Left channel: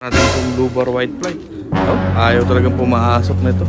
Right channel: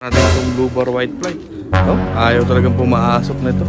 Natin itong blue bar white flight. No? Ayaw talagang pumaasok nito.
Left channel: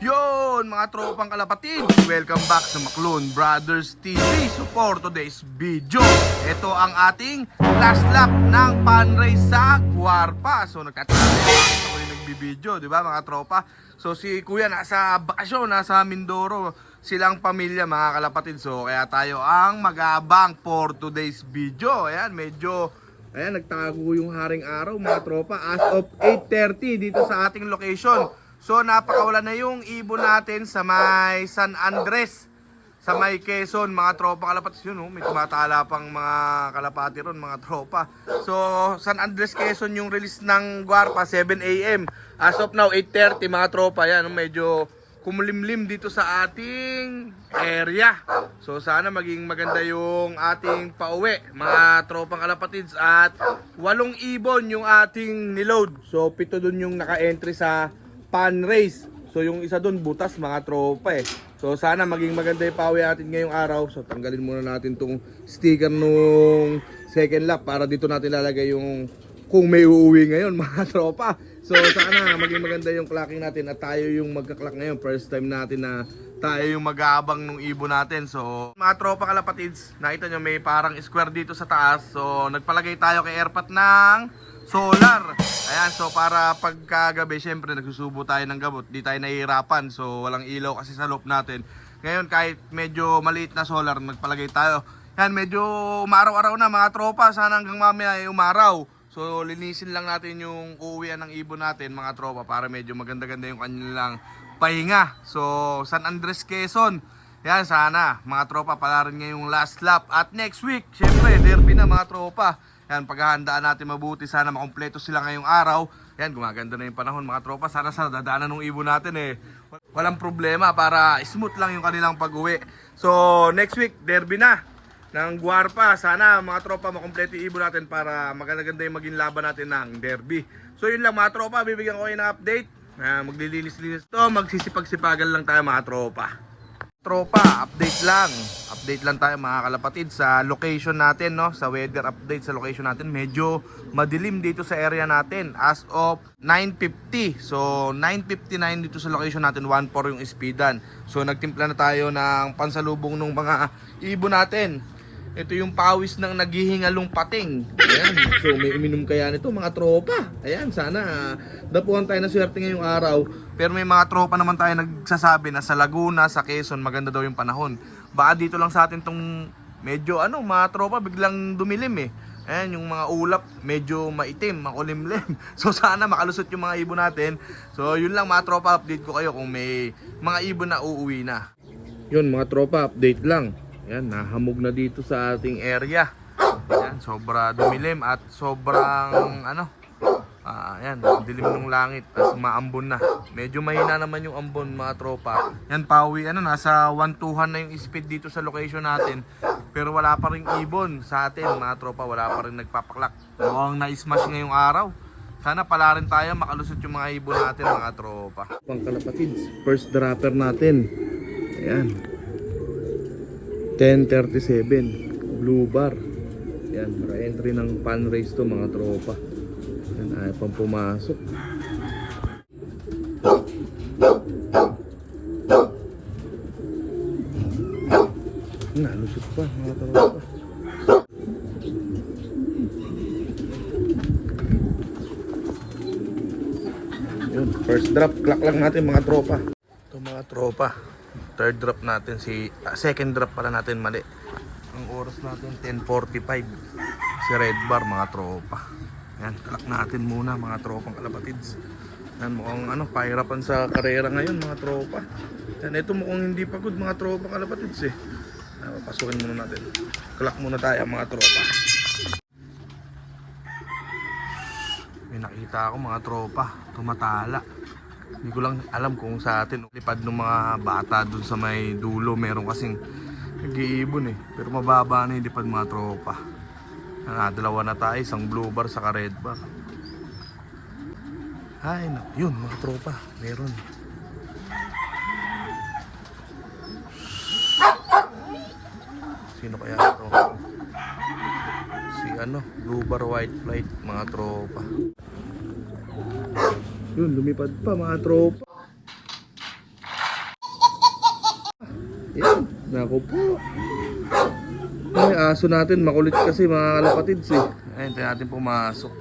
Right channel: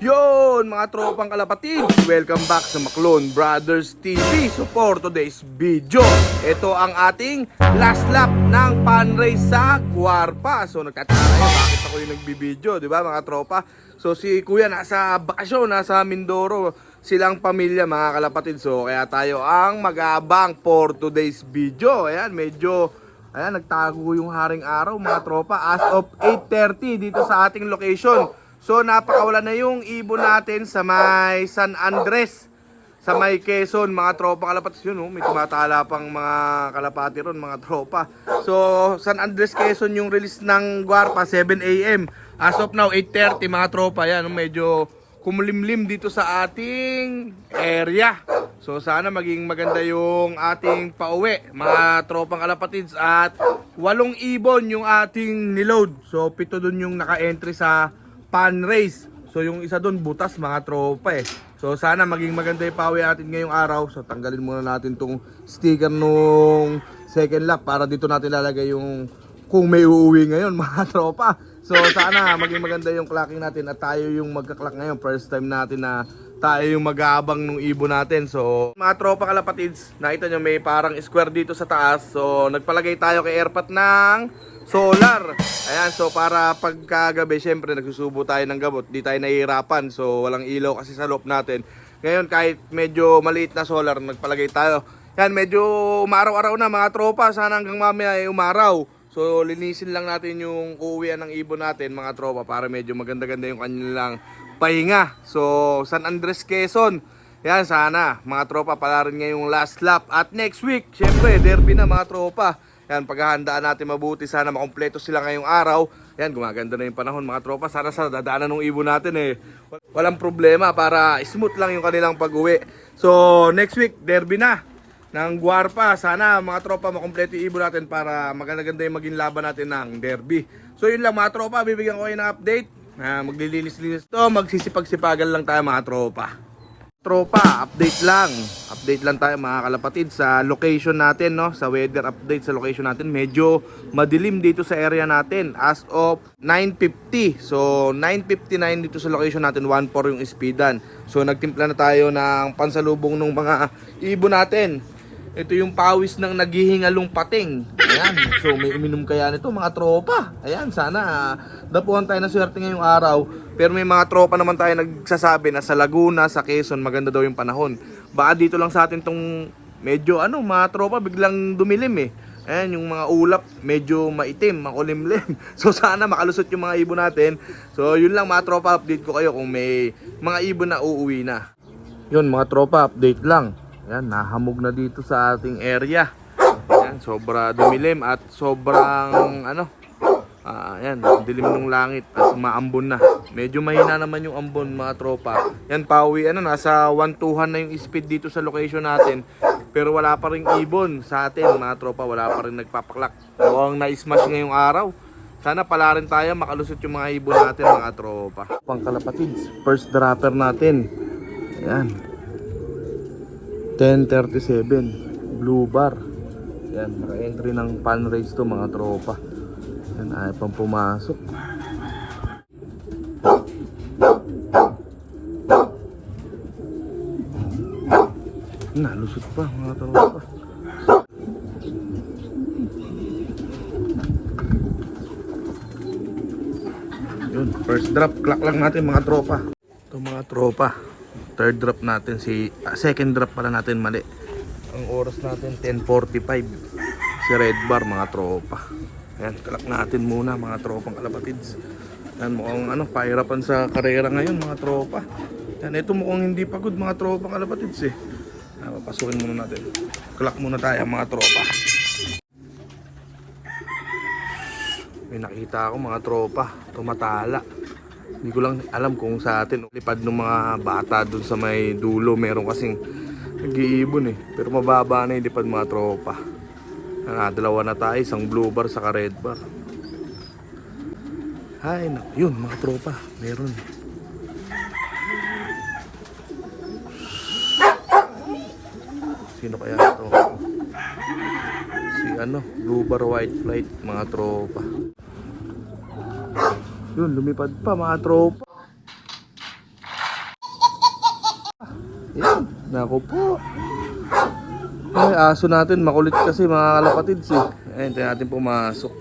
Yon mga tropang kalapatid, welcome back sa Maclone Brothers TV. So for today's video, ito ang ating last lap ng pan race sa Guarpa. So nagtataka bakit ako yung nagbibideo, di ba mga tropa? So si kuya nasa bakasyon, nasa Mindoro, silang pamilya mga kalapatid. So kaya tayo ang mag-aabang for today's video. Ayan, medyo nagtago yung haring araw mga tropa as of 8:30 dito sa ating location. So napakawala na yung ibon natin sa may San Andres, sa may Quezon mga tropa kalapatid. Yun, may tumatala pang mga kalapati ron mga tropa. So San Andres Quezon yung release ng Guarpa 7 AM. As of now 8:30 mga tropa. Yan, medyo kumulimlim dito sa ating area. So sana maging maganda yung ating pauwi mga tropang kalapatids. At 8 ibon yung ating niload. So 7 dun yung naka-entry sa pan race. So yung isa dun butas mga tropa eh. So sana maging maganda yung pauwi natin ngayong araw. So tanggalin muna natin tong sticker nung second lap para dito natin lalagay yung kung may uuwi ngayon mga tropa. So sana maging maganda yung clocking natin at tayo yung magka-clock ngayon. First time natin na tayo yung mag-aabang nung ibon natin. So mga tropa kalapatids, nakita nyo may parang square dito sa taas. So nagpalagay tayo kay Airpat ng solar. Ayan, so para pagkagabi syempre nagsusubo tayo ng gamot. Di tayo nahihirapan. So walang ilaw kasi sa loob natin. Ngayon kahit medyo maliit na solar, nagpalagay tayo. Yan, medyo umaraw-araw na mga tropa. Sana hanggang mamaya ay umaraw. So linisin lang natin yung uuwian ng ibon natin mga tropa para medyo maganda-ganda yung kanilang pahinga. So San Andres Quezon, yan sana mga tropa pala rin ngayong last lap. At next week syempre derby na mga tropa. Yan, paghahandaan natin mabuti, sana makumpleto sila ngayong araw. Yan, gumaganda na yung panahon mga tropa. Sana sa dadaanan ng ibon natin eh walang problema para smooth lang yung kanilang pag-uwi. So next week derby na ng Guarpa. Sana mga tropa makumpleto yung ibon natin para maganda-ganda yung maging laban natin ng derby. So yun lang mga tropa, bibigyan ko kayo ng update na maglilinis-linis to, magsisipag-sipagan lang tayo mga tropa. Tropa, update lang tayo mga kalapatid sa location natin, no? Sa weather update sa location natin. Medyo madilim dito sa area natin as of 9:50. So 9:59 dito sa location natin, 1-4 yung speedan. So nagtimpla na tayo ng pansalubong ng mga ibon natin. Ito yung pawis ng naghihingalong pating. Ayan, so may uminom kaya nito mga tropa. Ayan, sana dapuhan tayo na swerte ngayong araw. Pero may mga tropa naman tayo nagsasabi na sa Laguna, sa Quezon, maganda daw yung panahon. Baka dito lang sa atin tong medyo mga tropa biglang dumilim eh. Ayan, yung mga ulap medyo maitim, makulimlim. So sana makalusot yung mga ibon natin. So yun lang mga tropa, update ko kayo kung may mga ibon na uuwi na. Yun mga tropa, update lang. Ayan, nahamog na dito sa ating area. Ayan, sobra dumilim at sobrang ayan, dilim ng langit at maambon na. Medyo mahina naman yung ambon mga tropa. Yan, pauwi nasa 1-2 na yung speed dito sa location natin. Pero wala pa rin ibon sa atin mga tropa, wala pa rin nagpapaklak. Mukhang na-smash ngayong araw. Sana pala rin tayo makalusot yung mga ibon natin mga tropa. Pangkalapatids, first dropper natin. Ayan, 10:37 blue bar. Yan, naka-entry ng pan race to mga tropa. Yan, ayaw pang pumasok. Nalusot pa mga tropa. Yun, first drop, clock lang natin mga tropa. Ito mga tropa, third drop natin, second drop pala natin mali. Ang oras natin 10:45. Si red bar mga tropa. Ayan, clock natin muna mga tropang kalapatids. Ayan, mukhang pahirapan sa karera ngayon mga tropa. Ayan, ito mukhang hindi pagod mga tropang kalapatids eh. Papasukin muna natin. Clock muna tayo mga tropa. May nakita ako mga tropa, tumatala. Hindi ko lang alam kung sa atin lipad ng mga bata dun sa may dulo. Meron kasing nag-iibon eh. Pero mababa na yung lipad mga tropa. Dalawa na tayo, isang blue bar saka red bar. Ay, yun mga tropa, meron. Sino kaya ito? Si Blue Bar White Flight, mga tropa. Yun, lumipad pa mga tropa. Yan, naku po. Ay, aso natin, makulit kasi mga kalapatids eh. Ayun, tayo natin pumasok.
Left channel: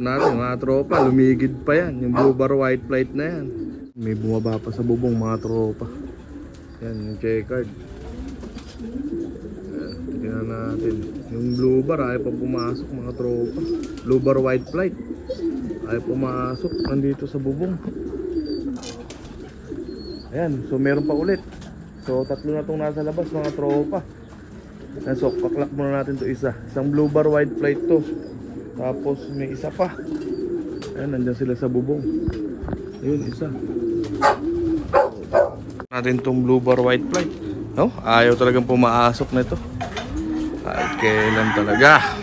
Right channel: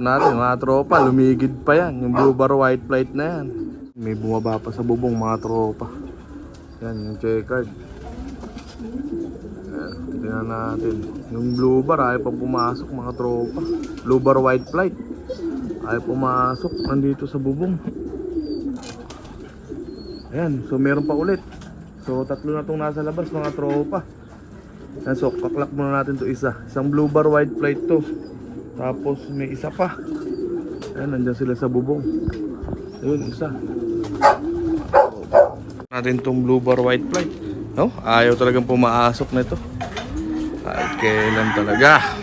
Natin mga tropa, lumigid pa yan. Yung Blue Bar White Flight na yan. May bumaba pa sa bubong mga tropa. Yan, yung checkered. Yan, tingnan natin. Yung Blue Bar, ayaw pa pumasok mga tropa. Blue Bar White Flight, ayaw pumasok, nandito sa bubong. Ayan, so meron pa ulit. So tatlo na itong nasa labas mga tropa. So kaklak muna natin to isa. Isang Blue Bar White Flight to. Tapos may isa pa. Ayan, nandyan sila sa bubong. Ayun, isa. Natin tong Blue Bar White Flight. No? Ayaw talagang pumasok na ito. Kahit kailan talaga.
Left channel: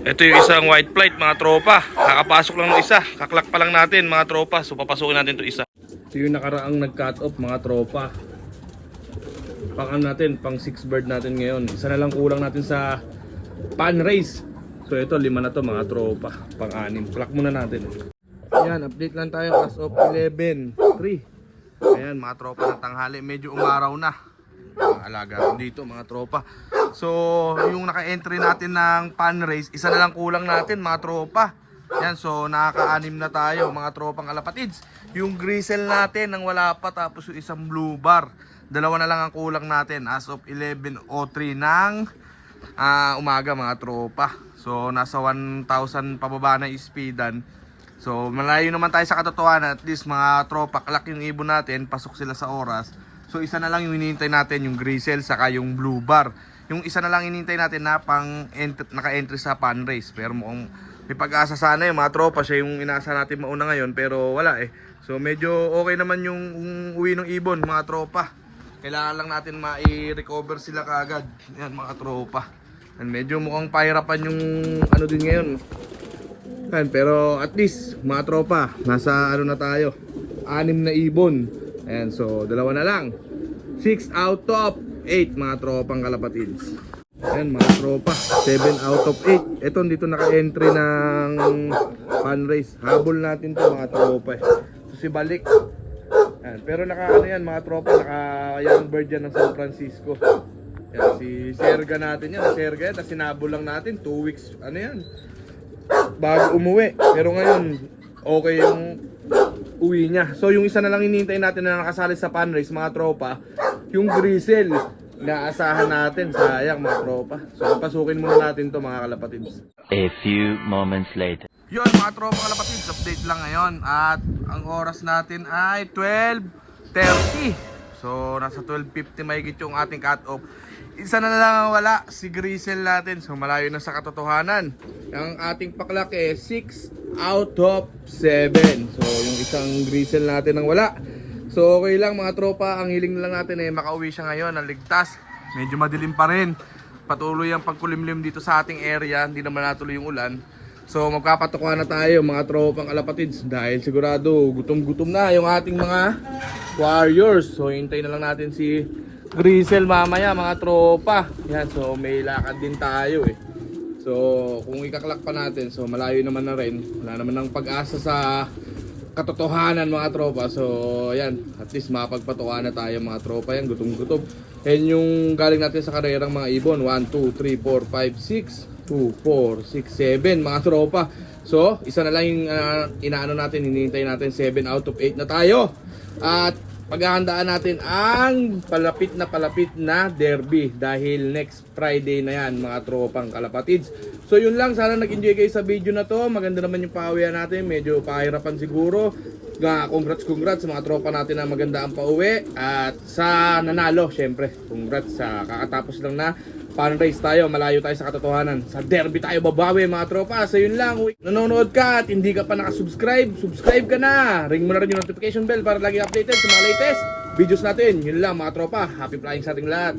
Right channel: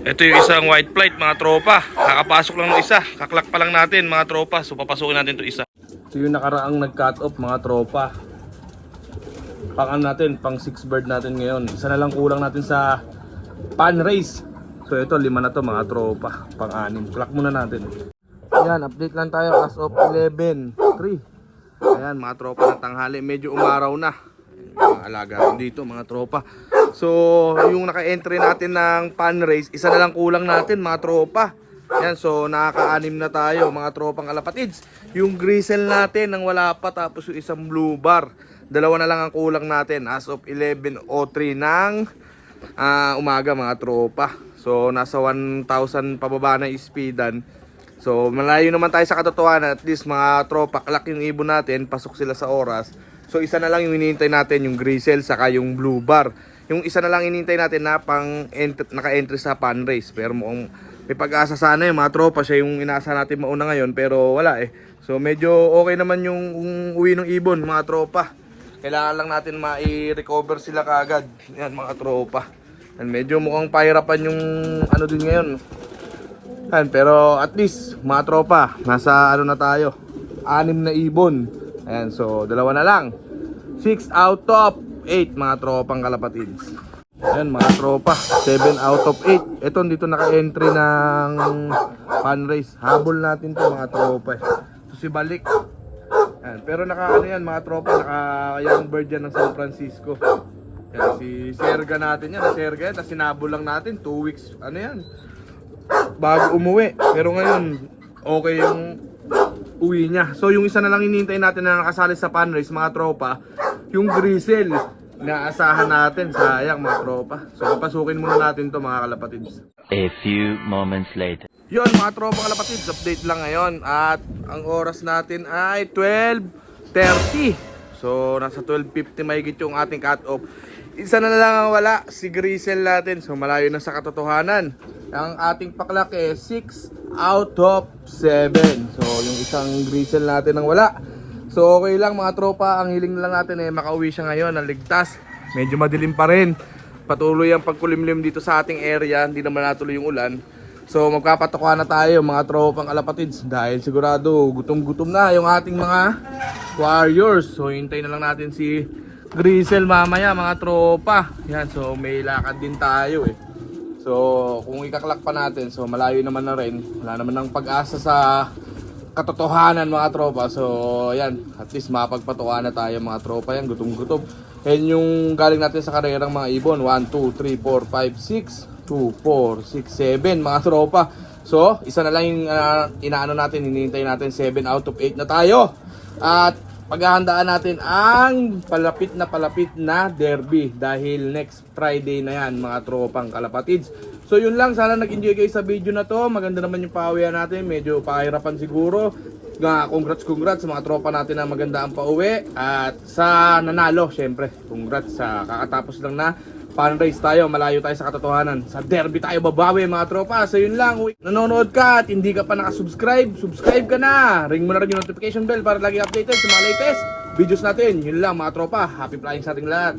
Ito yung isang white flight mga tropa. Kakapasok lang ng isa. Kaklak pa lang natin mga tropa. So papasukin natin to isa. Ito yung nakaraang nag-cut off mga tropa. Pang natin, pang 6 bird natin ngayon. Isa na lang kulang natin sa pan race. So ito, 5 na to mga tropa. Pang 6. Clock muna natin. Ayan, update lang tayo as of 11:03. Ayan mga tropa ng tanghali. Medyo umaraw na. Mga alaga dito mga tropa. So yung naka-entry natin ng pan race, isa na lang kulang natin mga tropa. Yan, so nakaka-6 na tayo mga tropang kalapatids. Yung gristle natin nang wala pa, tapos yung isang Blue Bar. Dalawa na lang ang kulang natin as of 11:03 ng umaga mga tropa. So nasa 1,000 pababa na speedan. So malayo naman tayo sa katotohanan. At least mga tropa, kalak yung ibon natin, pasok sila sa oras. So isa na lang yung hinihintay natin, yung gristle saka yung Blue Bar. Yung isa na lang hinihintay natin na naka-entry sa pan race. Pero mukhang may pag-asa sana yung mga tropa. Siya yung inaasa natin mauna ngayon, pero wala eh. So medyo okay naman yung uwi ng ibon mga tropa. Kailangan lang natin ma-recover sila kaagad. Yan mga tropa. And medyo mukhang pahirapan yung din ngayon. Yan, pero at least mga tropa, nasa na tayo, 6 na ibon. Ayan, so 2 na lang. 6 out of 8 mga tropang kalapatids. Ayan mga tropa, 7 out of 8. Ito dito naka-entry ng pan race. Habol natin to mga tropa. So si Balik. Ayan, pero yan mga tropa, naka-young bird yan ng San Francisco. Ayan, si Serga natin yan, Serga yan, tapos sinabol lang natin 2 weeks, yan, bago umuwi. Pero ngayon, okay yung uwi niya. So yung isa na lang hinihintay natin na nakasali sa pan race mga tropa, yung gristle. Inaasahan natin, sayang mga tropa. So pasukin muna natin to mga kalapatids. A few moments later. Yun mga tropa kalapatids, update lang ngayon. At ang oras natin ay 12:30. So nasa 12:50 mahigit yung ating cut off. Isa na lang ang wala, si gristle natin. So malayo na sa katotohanan. Ang ating paklak 6 out of 7. So yung isang gristle natin ang wala. So okay lang mga tropa, ang hiling na lang natin ay makauwi siya ngayon ng ligtas. Medyo madilim pa rin. Patuloy ang pagkulimlim dito sa ating area, hindi naman natuloy yung ulan. So magpapatuka na tayo mga tropang kalapatids dahil sigurado gutom-gutom na yung ating mga warriors. So hintayin na lang natin si gristle mamaya mga tropa. Yan, so may lakad din tayo eh. So kung ikaklak pa natin, so malayo naman na rin. Wala naman ng pag-asa sa katotohanan mga tropa. So yan, at least mapagpatuka na tayo mga tropa. Yan, gutom-gutom. Yan yung galing natin sa karerang mga ibon. 1, 2, 3, 4, 5, 6 2, 4, 6, 7 mga tropa. So isa na lang yung inaano natin, hinihintay natin 7 out of 8 na tayo. At paghahandaan natin ang palapit na derby dahil next Friday na yan mga tropang kalapatids. So yun lang, sana nag-enjoy kayo sa video na to. Maganda naman yung pauwian natin, medyo pahirapan siguro. Congrats sa mga tropa natin na maganda ang pauwi. At sa nanalo, syempre congrats sa kakatapos lang na pan race tayo, malayo tayo sa katotohanan. Sa derby tayo babawi mga tropa. So yun lang, nanonood ka at hindi ka pa nakasubscribe, subscribe ka na. Ring mo na rin yung notification bell para lagi updated sa mga latest videos natin. Yun lang mga tropa, happy flying sa ating lahat.